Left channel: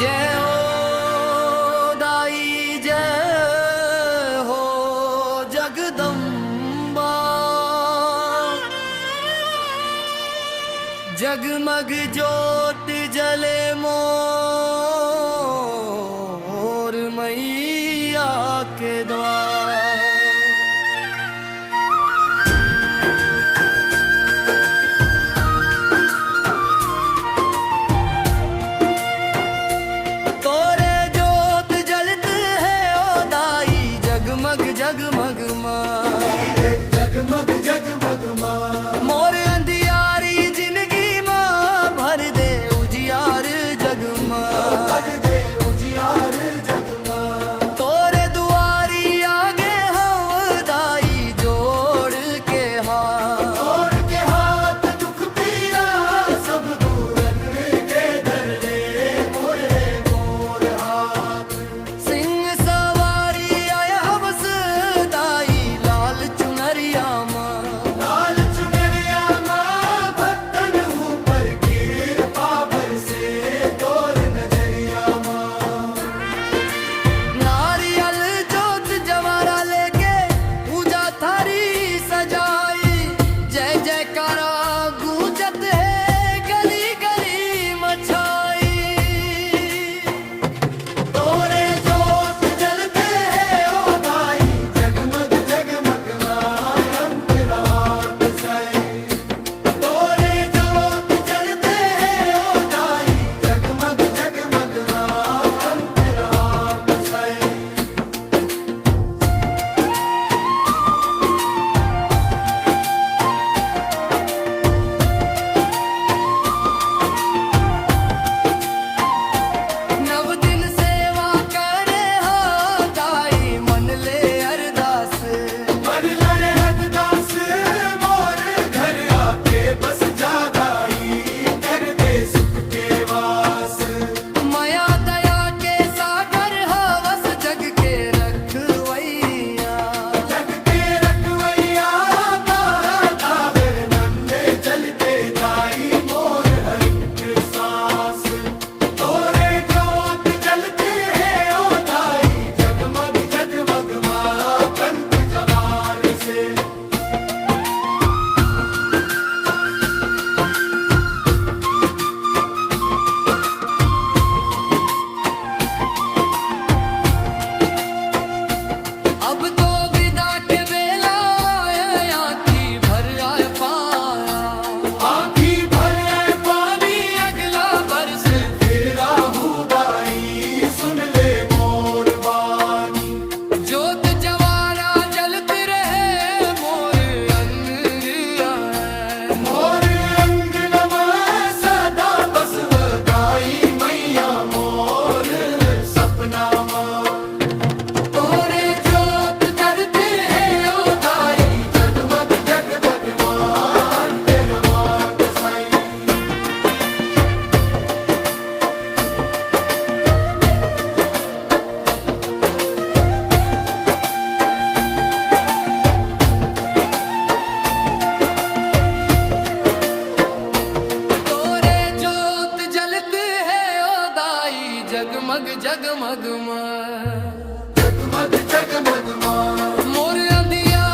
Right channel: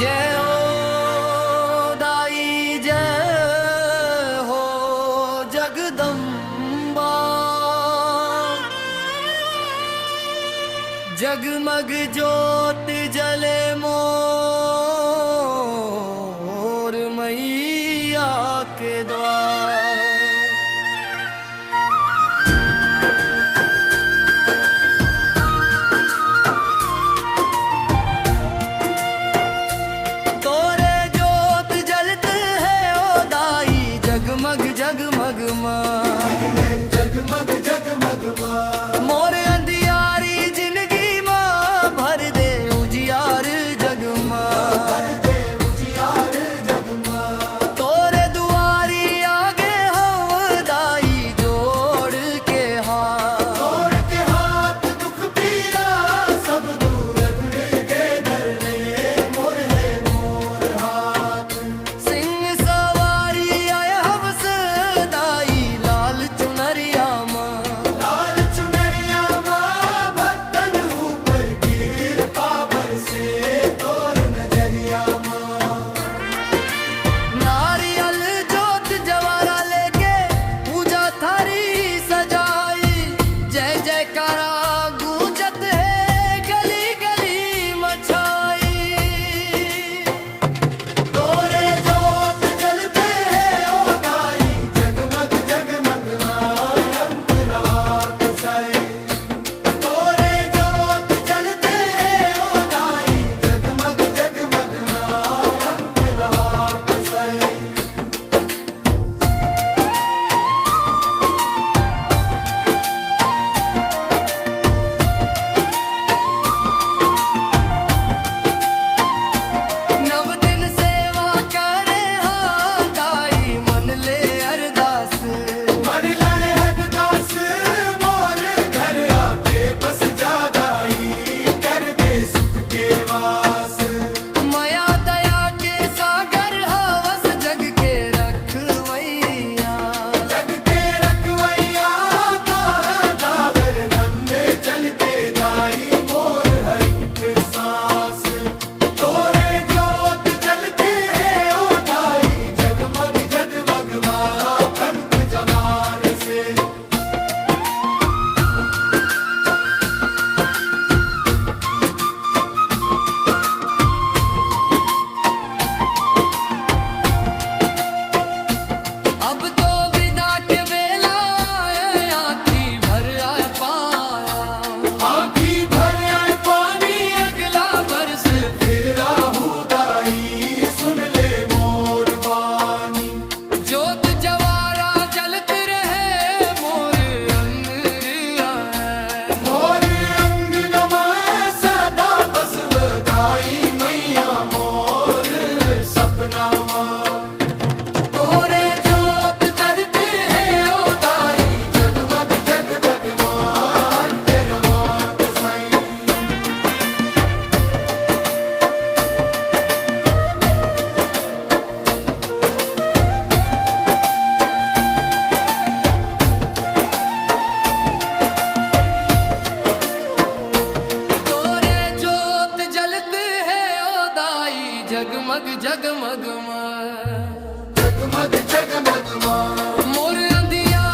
जय हो दाई जय हो जगदम्बा। जगमग ज्योत जले मोर मैया के द्वार। तोरे ज्योत जलते है ओ दाई जगमग जगमग जगमग जगमग मोर अंधियारी जिंदगी मां भर दे उजियार जगमा। उजियार जगमग तोरे दुआरी आगे हम दाई जोड़ के हाथ। तोड़ के हाथ दुख पीरा सब दूर के दर ले मोर हाथ। सिंह सवारी आया हवस दाई लाल चुनरिया मां। लाल चुनरिया मां भक्तन ऊपर कृपा बरसे तोर नजरिया मां। नारियल जोत जवारा लेके पूजा थारी सजाई। जय जयकारा गूंजत है गली गली मचाई। तोरे ज्योत जलते हैं ओ दाई जगमग जगमग अंतरात साई। तोरे ज्योत जलते हैं ओ दाई जगमग जगमग अंतरात साई। नव दिन सेवा करे हाँ दाई मन ले अरदास। मन लाए हरदास मोर घर आके बस जा दाई कर दे सुख के वास। माया दया के सागर हवस जग के रखवैया। जग के रखवैया दादा दागर नंदे चलते दाई मोर हर एक सांस। तोरे ज्योत जलते हैं ओ दाई जगमग जगमग कंठ जमार से। अब तो विदा के बेला आए आँखी भर आए पाया। आँखी भर आए पानी अगला बरस फिर राहु दाई सुन ले मोर बानी। जोत जवारा जलत रहे मोर अंग आए। मोर अंग नमा सदा बसव दाई मैया मोर सपना मां। तोरे ज्योत जलते हैं ओ दाई जगमग जगमग तेरा मां साई। तोरे जोत जलते है ओ दाई जगमग जगमग जगमग जगमग मोर अंधिया